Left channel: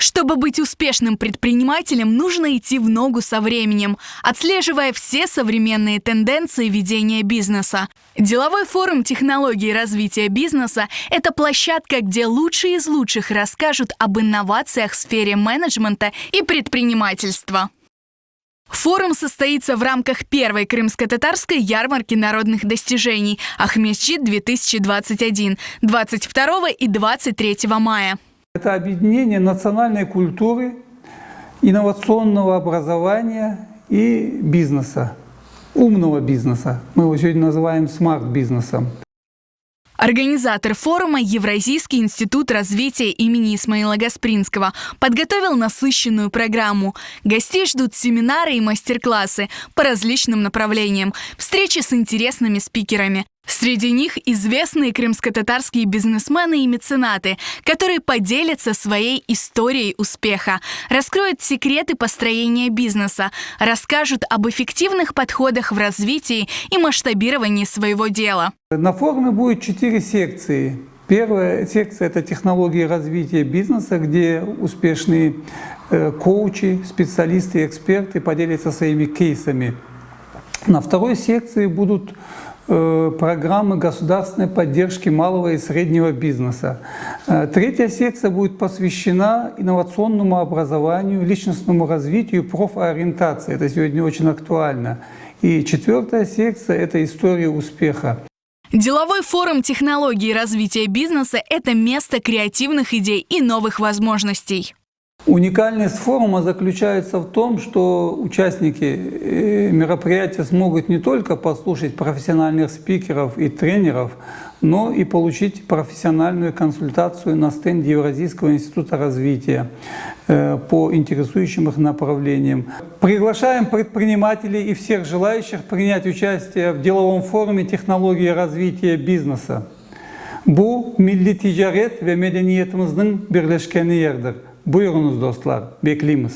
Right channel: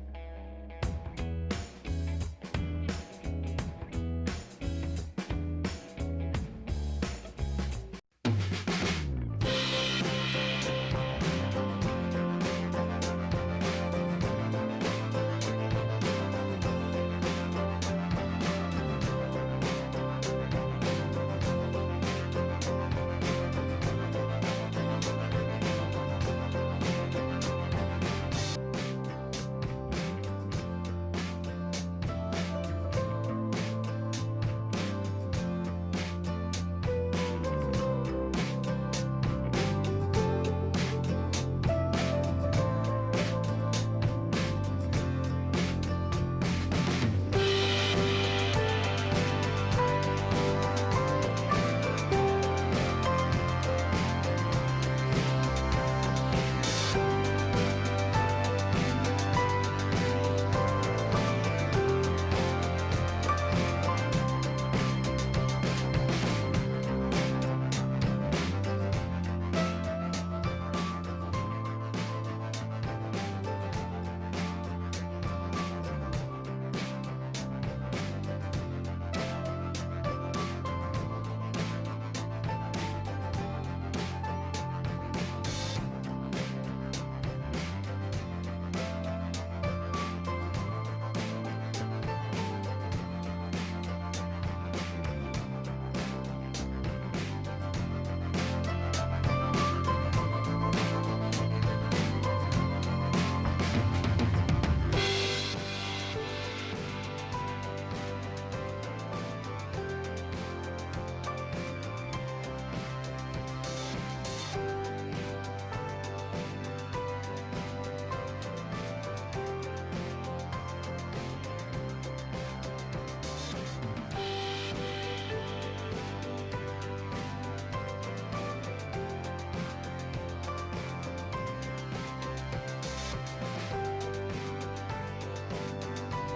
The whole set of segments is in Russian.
Чтобы быть успешным предпринимателем, нужно идти в ногу со временем, отслеживая все современные тенденции ведения бизнеса. Деловой форум технологий развития бизнеса – это площадка, где лучшие из лучших расскажут об инновациях в сфере менеджмента и предпринимательства. Форум состоится в рамках первой крымско-татарской ярмарки народных достижений «Ахмесчит-2021» 22 и 23 мая. Это объединение национальной культуры, инновационного образования и бизнеса, умного бизнеса. Мы его сегодня называем смарт-бизнесом. Организатор форума Евразийский институт развития имени Исмаила Гаспринского подготовил насыщенную программу. Гостей ждут семинары и мастер-классы по различным направлениям, встречи с интересными спикерами. Среди них известные крымско-татарские бизнесмены и меценаты, которые поделятся своей историей успеха, раскроют секреты построения бизнеса, расскажут об эффективных подходах в развитии и масштабировании своего дела. На форуме будет 4 секции. Первая секция – это технологии развития бизнеса, где успешные коучи, специалисты и эксперты поделятся своими кейсами. На второй секции будут программы государственной поддержки малого и среднего бизнеса. Третья секция будет посвящена инновационному образованию, личностному развитию и профориентации. Это сегодня очень актуально. И четвертая секция – это история успеха. Деловой форум технологий развития бизнеса – это место креативных идей и новых возможностей. Уникальность форума заключается в том, что участники мероприятия смогут не только послушать профессиональных спикеров и тренеров, но и получить профессиональную консультацию на стенде Евразийского института развития по интересующим их направлениям. Приглашаем предпринимателей и всех желающих принять участие в деловом форуме технологии развития бизнеса. Bu milli ticaret ve medeniyetimizin birleşkeni yerdir. Buyurunuz dostlar, bekliyoruz.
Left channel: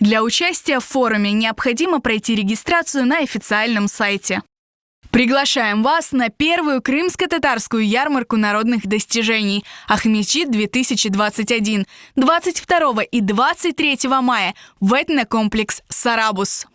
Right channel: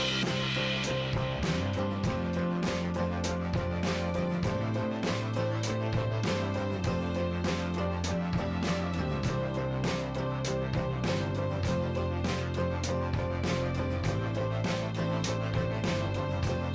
Для участия в форуме необходимо пройти регистрацию на официальном сайте. Приглашаем вас на первую крымско-татарскую ярмарку народных достижений «Ахмесчит-2021» 22 и 23 мая в этнокомплекс «Сарабус».